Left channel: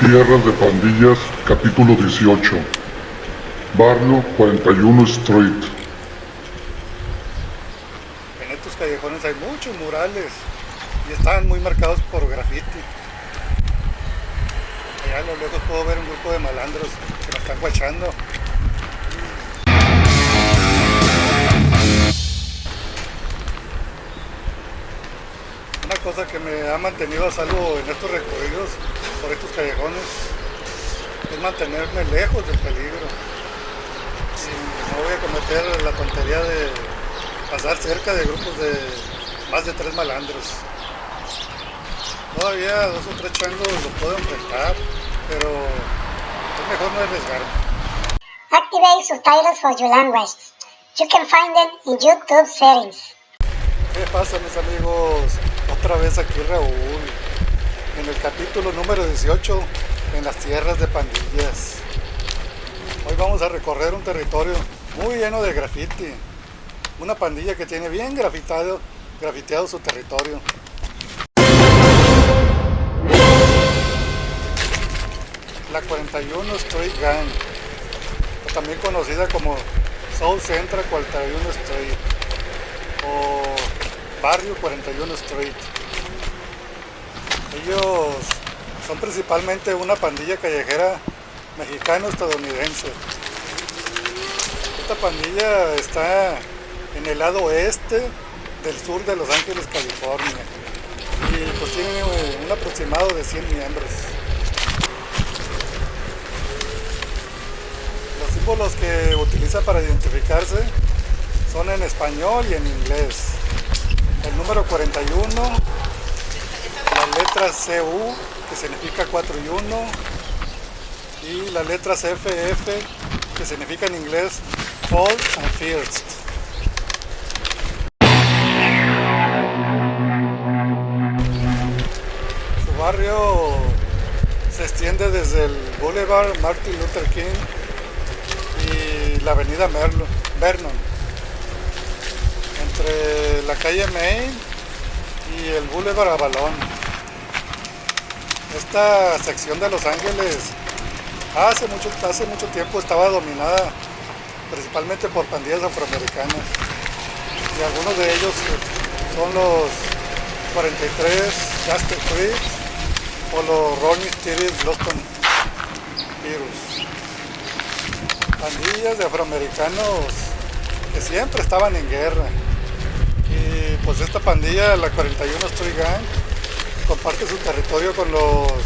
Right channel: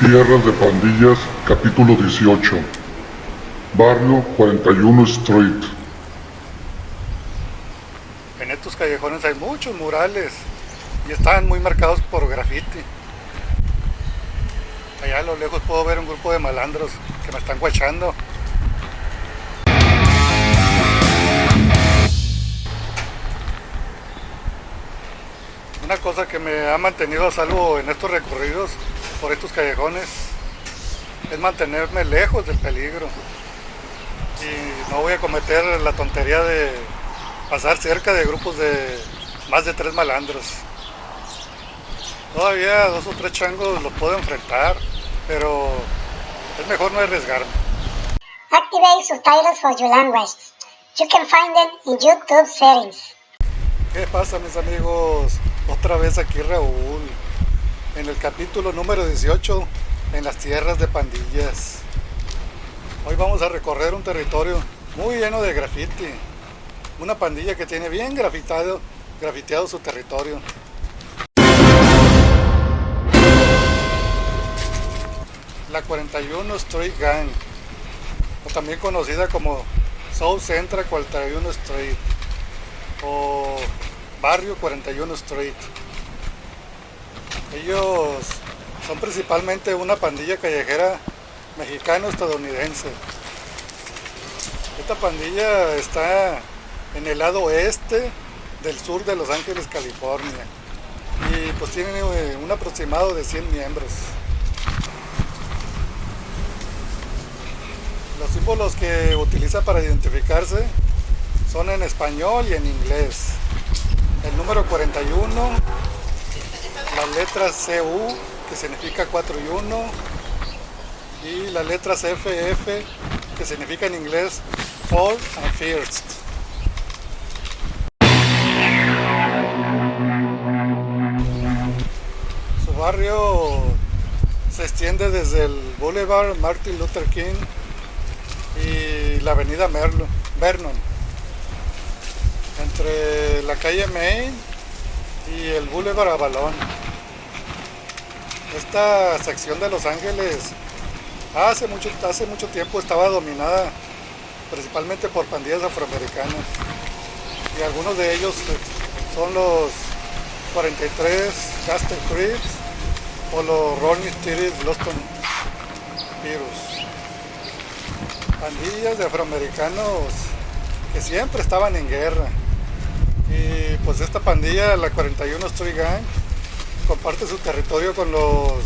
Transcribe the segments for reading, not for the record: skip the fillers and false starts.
Tierras de Pandillas, capítulo 18. Barrio 41 Street. En estos callejones hay muchos murales y están muy marcados por graffiti. Allá a lo lejos puedo ver un grupo de malandros que me están guachando. Una cosa que me ha mantenido a salvo en estos recorridos por estos callejones es mantenerme lejos del peligro. Y no voy a cometer la tontería de pasar cerca de grupos de más de 3 malandros. Todavía 2 o 3 changos los puedo enfrentar, pero es mejor no arriesgarme. Activate subtitles for your language. You can find them in YouTube settings. ¿Qué pasa, mis amigos? Otra vez aquí Raúl, en el capítulo número 18, en las tierras de pandillas. Hoy vamos a recorrer un territorio muy lleno de graffiti. Una pandilla que tiene bien grafiteado su territorio. La 41 Street Gang, o también conocida como South Central 41 Street, o Barrio 41 Street. Ellos son principalmente una pandilla callejera mexicano-estadounidense. Esta pandilla está en el lado oeste del sur de Los Ángeles, California, y pues tiene un aproximado de 100 miembros. Los símbolos que utiliza para identificarse son en español y en inglés. El número 41, la letra CU, que significa 4 y 1, y las letras FF, que significa en inglés Fall and First. Su barrio se extiende desde el Boulevard Martin Luther King y la avenida Vernon, entre la calle Main y el Boulevard Avalon. Esta sección de Los Ángeles hace mucho tiempo estaba dominada principalmente por pandillas afroamericanas, y algunos de ellos son los 43 Gaster Crips o los Ronnie Steady Boston Virus. Pandillas de afroamericanos que siempre estaban en guerra. Y pues esta pandilla, la 41 Street Gang, comparte su territorio con los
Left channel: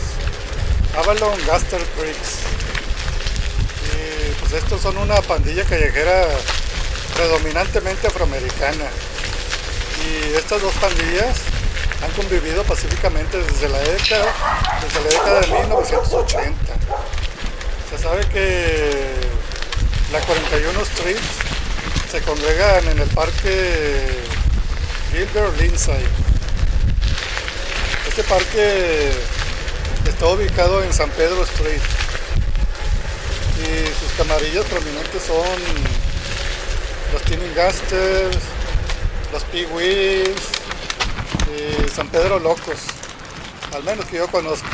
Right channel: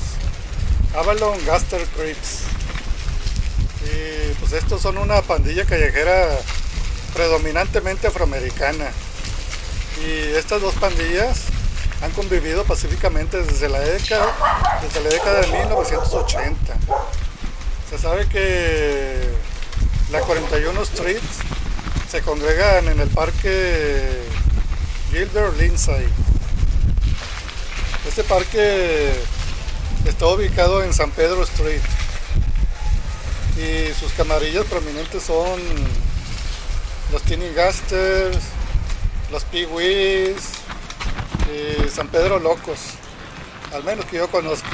Avalon Gaster Crips. Y pues estos son una pandilla callejera predominantemente afroamericana. Y estas dos pandillas han convivido pacíficamente desde la década de 1980. Se sabe que la 41 Street se congregan en el parque Gilbert Lindsay. Este parque está ubicado en San Pedro Street y sus camarillas prominentes son los Tiny Gasters, los Pee-wees y San Pedro Locos, al menos que yo conozca.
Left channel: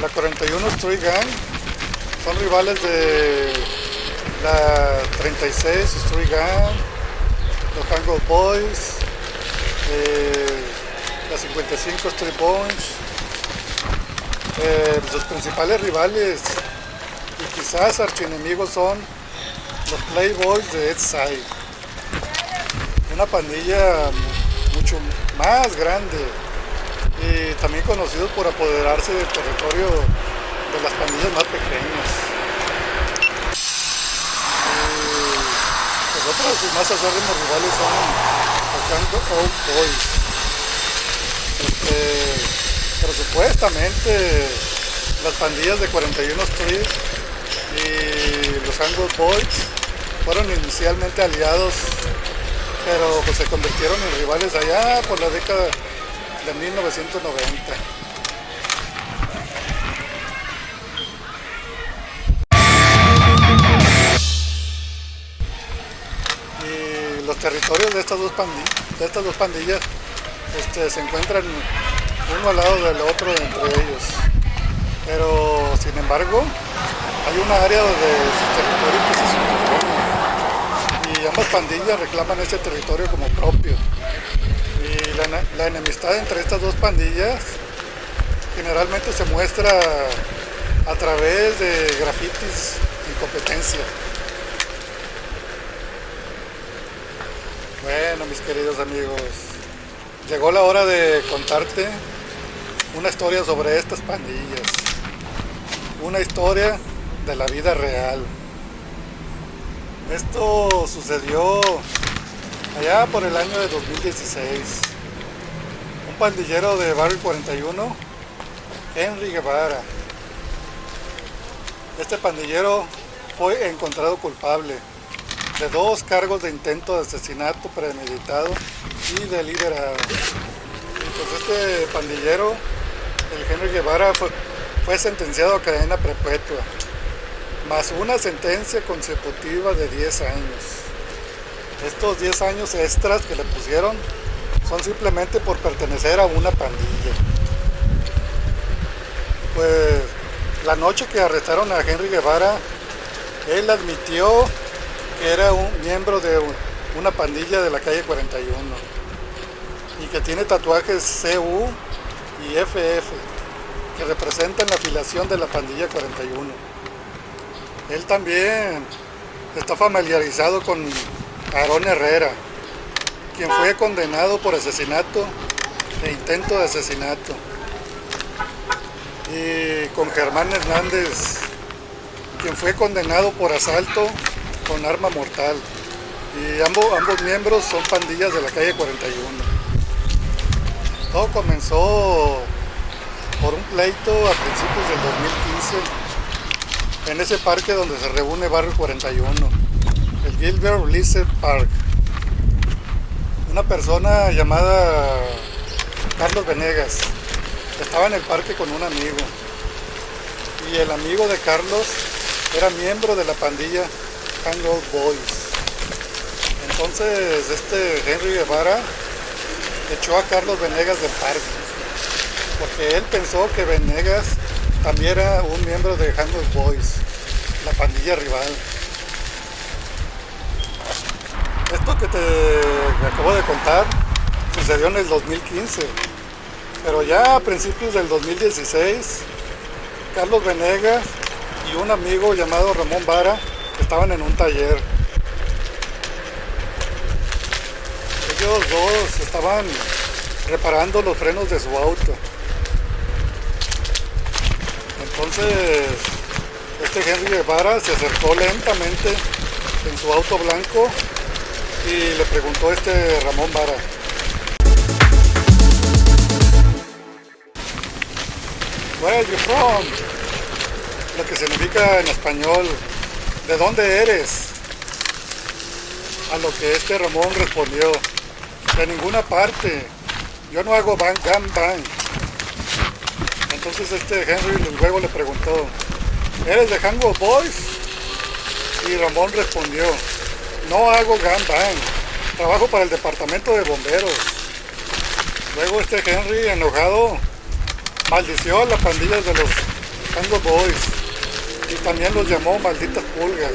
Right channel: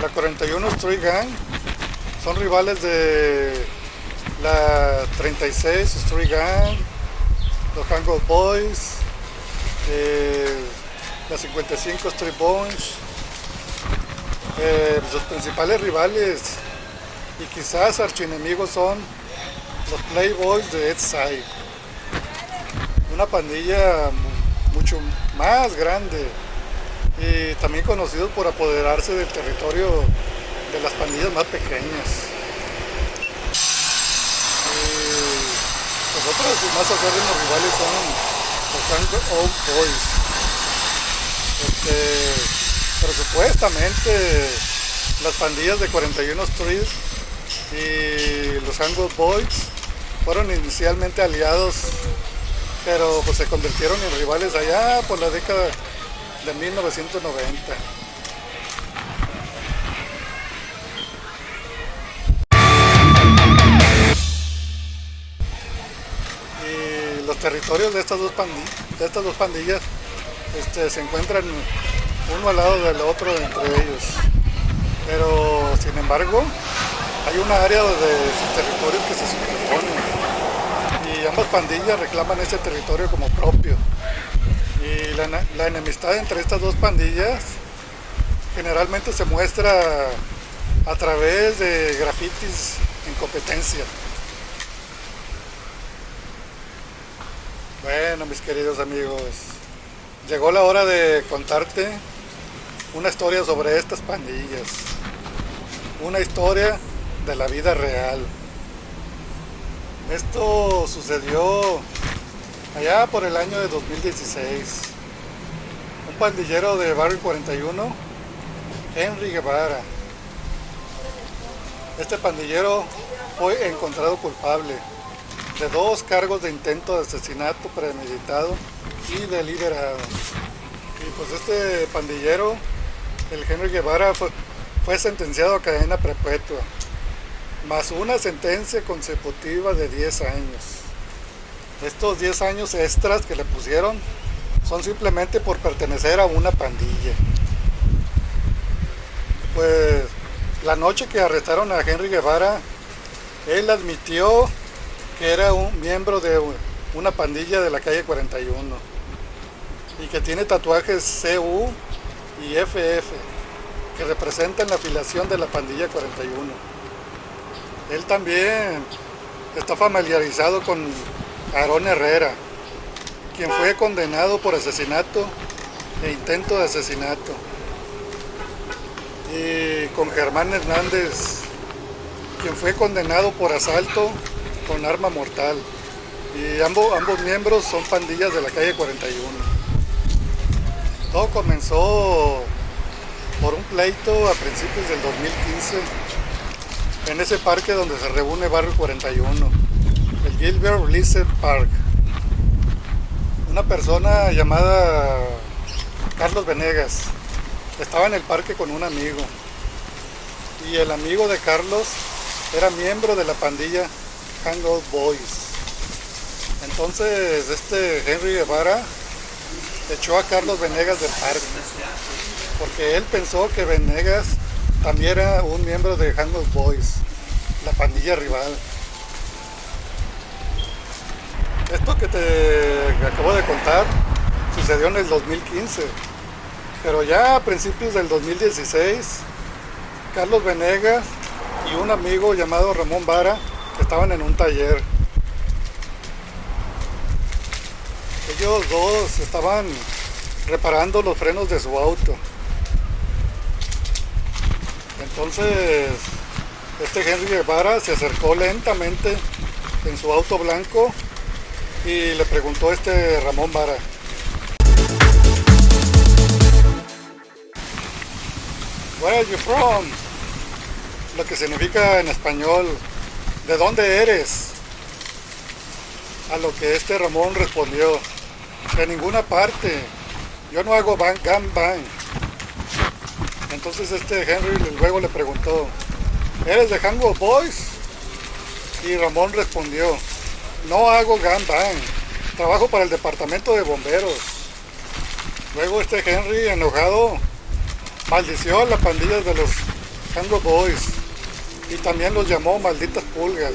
La 41 Street Gang son rivales de la 36 Street Gang, los Hangout Boys, la 55 Street Bunch. Sus principales rivales y quizás archienemigos son los Playboys de Edside, una pandilla mucho más grande y también conocidos por apoderarse del territorio de las pandillas más pequeñas. Los otros más acérrimos rivales son los Hangout Boys. Pero supuestamente las pandillas de 41 Street y los Hangout Boys fueron inicialmente aliados, pero pues se convirtieron en rivales allá por la década de 1990. los territorios de estas dos pandillas se encuentran uno al lado del otro entre ellos. Pero sin embargo, hay una área de sus territorios que se superponen y ambas pandillas reclaman ese territorio como propio. Y la enemistad entre estas dos pandillas generalmente se muestra a través de grafitis en competencia. Bueno, mis queridos amigos, llegó la hora de contarte una historia sobre estas pandillas. Una historia de la vida real. Esto sucedió allá por el año de 2016. Un pandillero de Barrio 41, Henry Guevara. Este pandillero fue encontrado culpable de 2 cargos de intento de asesinato premeditado y deliberado. Y pues este pandillero, el Henry Guevara, fue sentenciado a cadena perpetua, más una sentencia consecutiva de 10 años. Estos 10 años extras que le pusieron son simplemente por pertenecer a una pandilla. Pues la noche que arrestaron a Henry Guevara, él admitió que era un miembro de una pandilla de la calle 41 y que tiene tatuajes CU y FF que representan la afiliación de la pandilla 41. Él también está familiarizado con Aarón Herrera, quien fue condenado por asesinato e intento de asesinato, y con Germán Hernández, quien fue condenado por asalto con arma mortal, y ambos miembros son pandillas de la calle 41. Todo comenzó por un pleito a principios del 2015 en ese parque donde se reúne Barrio 41, el Gilbert Lizard Park. Una persona llamada Carlos Venegas estaba en el parque con un amigo, y el amigo de Carlos era miembro de la pandilla Hangout Boys. Entonces Henry Guevara echó a Carlos Venegas del parque porque él pensó que Venegas también era un miembro de Hangout Boys, la pandilla rival. Esto que te acabo de contar sucedió en el 2015, pero ya a principios del 2016, Carlos Venegas y un amigo llamado Ramón Vara estaban en un taller. Ellos dos estaban reparando los frenos de su auto. Entonces, Henry Guevara se acercó lentamente en su auto blanco y le preguntó a Ramón Vara: "Where are you from?", lo que significa en español, ¿de dónde eres? A lo que Ramón respondió: "De ninguna parte, yo no hago gangbang". Entonces Henry luego le preguntó: "¿Eres de Hangout Boys?". Y Ramón respondió: "No hago gangbang, trabajo para el departamento de bomberos". Luego Henry, enojado, maldició a la pandilla de los Hangout Boys y también los llamó malditas pulgas,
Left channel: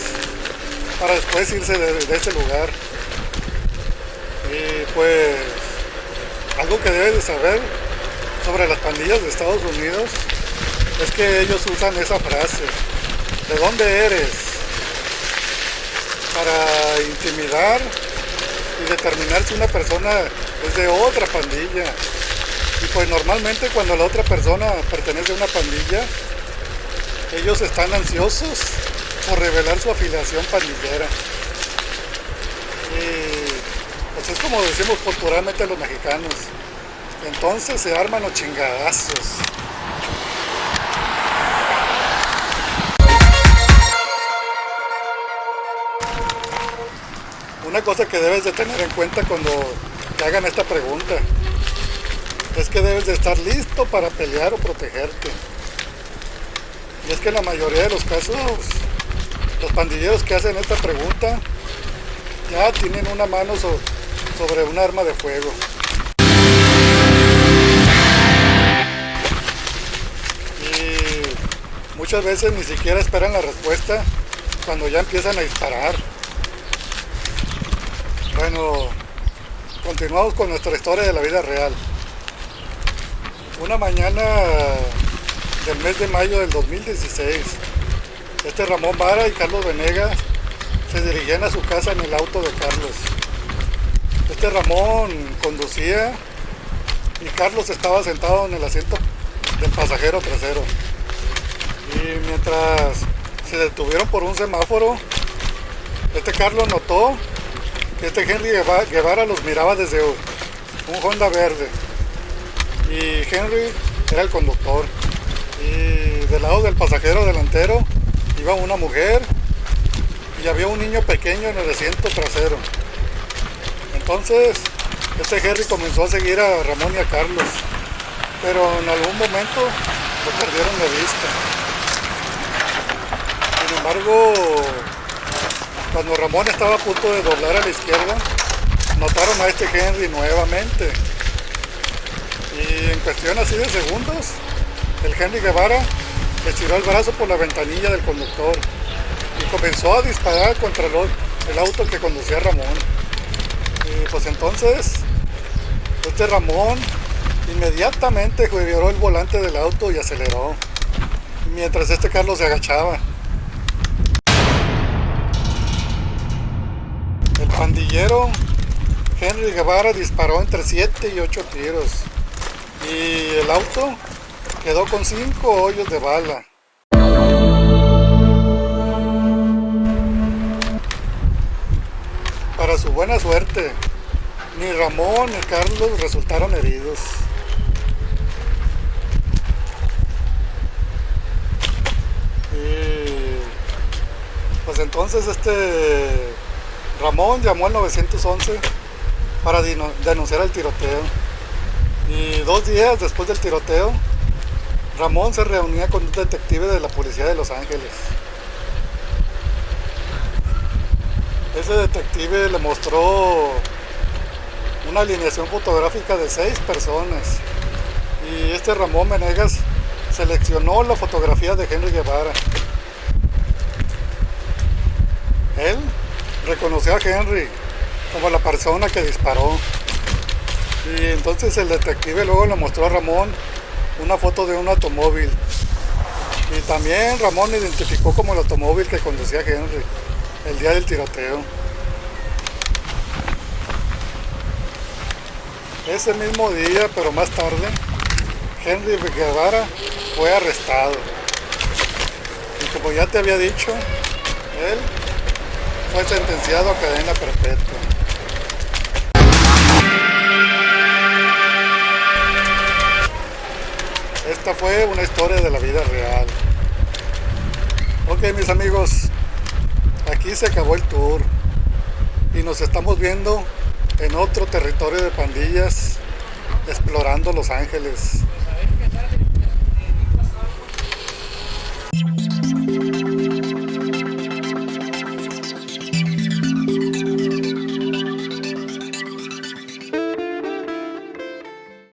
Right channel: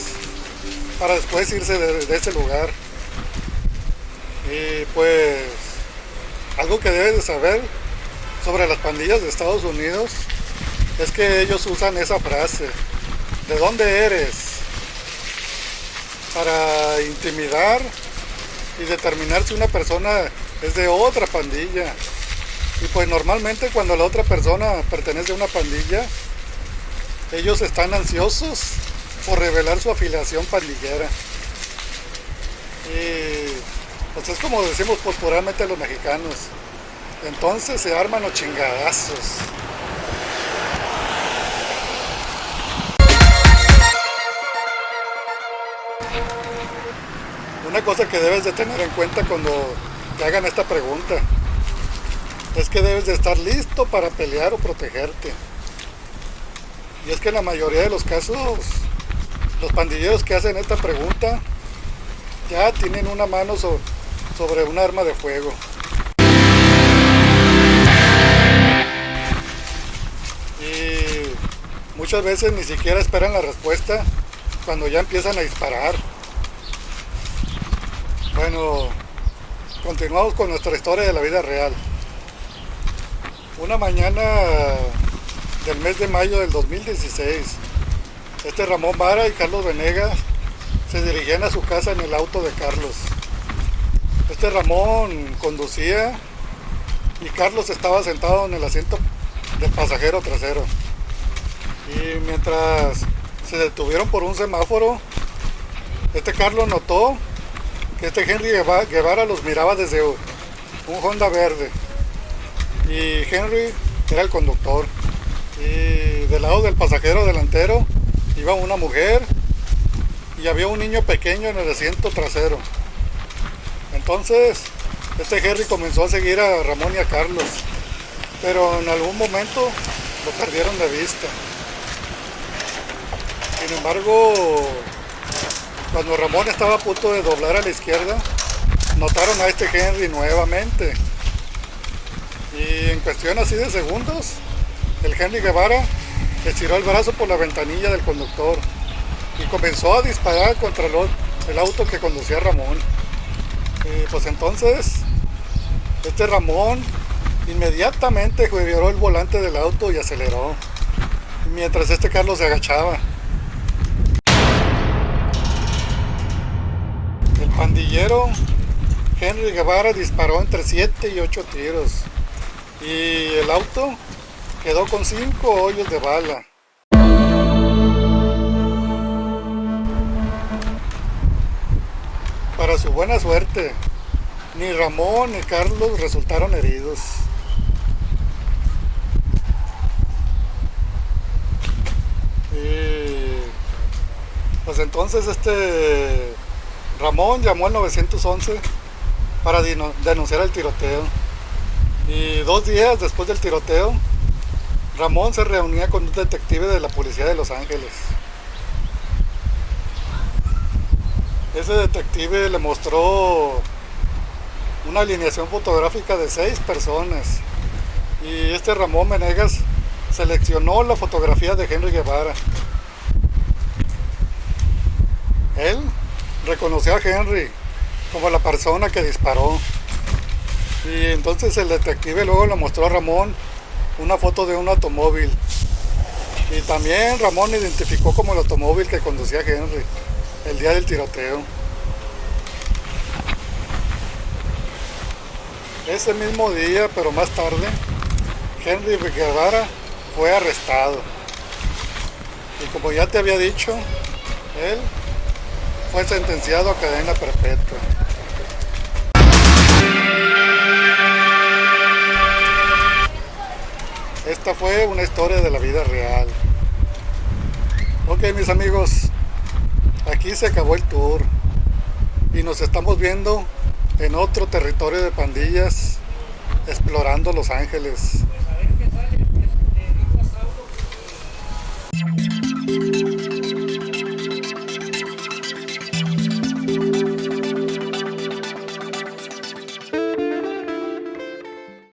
para después irse de ese lugar. Y pues, algo que debes de saber sobre las pandillas de Estados Unidos es que ellos usan esa frase: "¿De dónde eres?", para intimidar y determinar si una persona es de otra pandilla. Y pues normalmente cuando la otra persona pertenece a una pandilla, ellos están ansiosos por revelar su afiliación pandillera. Y pues es como decimos popularmente los mexicanos: entonces se arman los chingadazos. Una cosa que debes de tener en cuenta cuando te hagan esta pregunta es que debes de estar listo para pelear o protegerte. Y es que en la mayoría de los casos, los pandilleros que hacen esta pregunta ya tienen una mano sobre un arma de fuego. Y muchas veces ni siquiera esperan la respuesta cuando ya empiezan a disparar. Bueno, continuamos con nuestra historia de la vida real. Una mañana del mes de mayo del 2016, Ramón Vara y Carlos Venegas se dirigían a su casa en el auto de Carlos. Ramón conducía y Carlos estaba sentado en el asiento del pasajero trasero. Y mientras se detuvieron por un semáforo, Carlos notó que Henry Guevara los miraba desde un Honda verde. Y Henry era el conductor. Y del lado del pasajero delantero iba una mujer y había un niño pequeño en el asiento trasero. Entonces, Henry comenzó a seguir a Ramón y a Carlos, pero en algún momento lo perdieron de vista. Sin embargo, cuando Ramón estaba a punto de doblar a la izquierda, notaron a Henry nuevamente. Y en cuestión así de segundos, el Henry Guevara estiró el brazo por la ventanilla del conductor y comenzó a disparar contra el auto que conducía Ramón. Y pues entonces, Ramón inmediatamente giró el volante del auto y aceleró, mientras Carlos se agachaba. El pandillero Henry Guevara disparó entre 7 y 8 tiros y el auto quedó con 5 hoyos de bala. Para su buena suerte, ni Ramón ni Carlos resultaron heridos. Y pues entonces Ramón llamó al 911 para denunciar el tiroteo. Y 2 días después del tiroteo, Ramón se reunía con un detective de la policía de Los Ángeles. Ese detective le mostró una alineación fotográfica de 6 personas. Y Ramón Venegas seleccionó la fotografía de Henry Guevara. Él reconoció a Henry como la persona que disparó. Y entonces el detective luego le mostró a Ramón una foto de un automóvil. Y también Ramón identificó como el automóvil que conducía Henry el día del tiroteo. Ese mismo día, pero más tarde, Henry Guevara fue arrestado. Y como ya te había dicho, él fue sentenciado a cadena perpetua. Esta fue una historia de la vida real. Ok, mis amigos, aquí se acabó el tour y nos estamos viendo en otro territorio de pandillas, explorando Los Ángeles.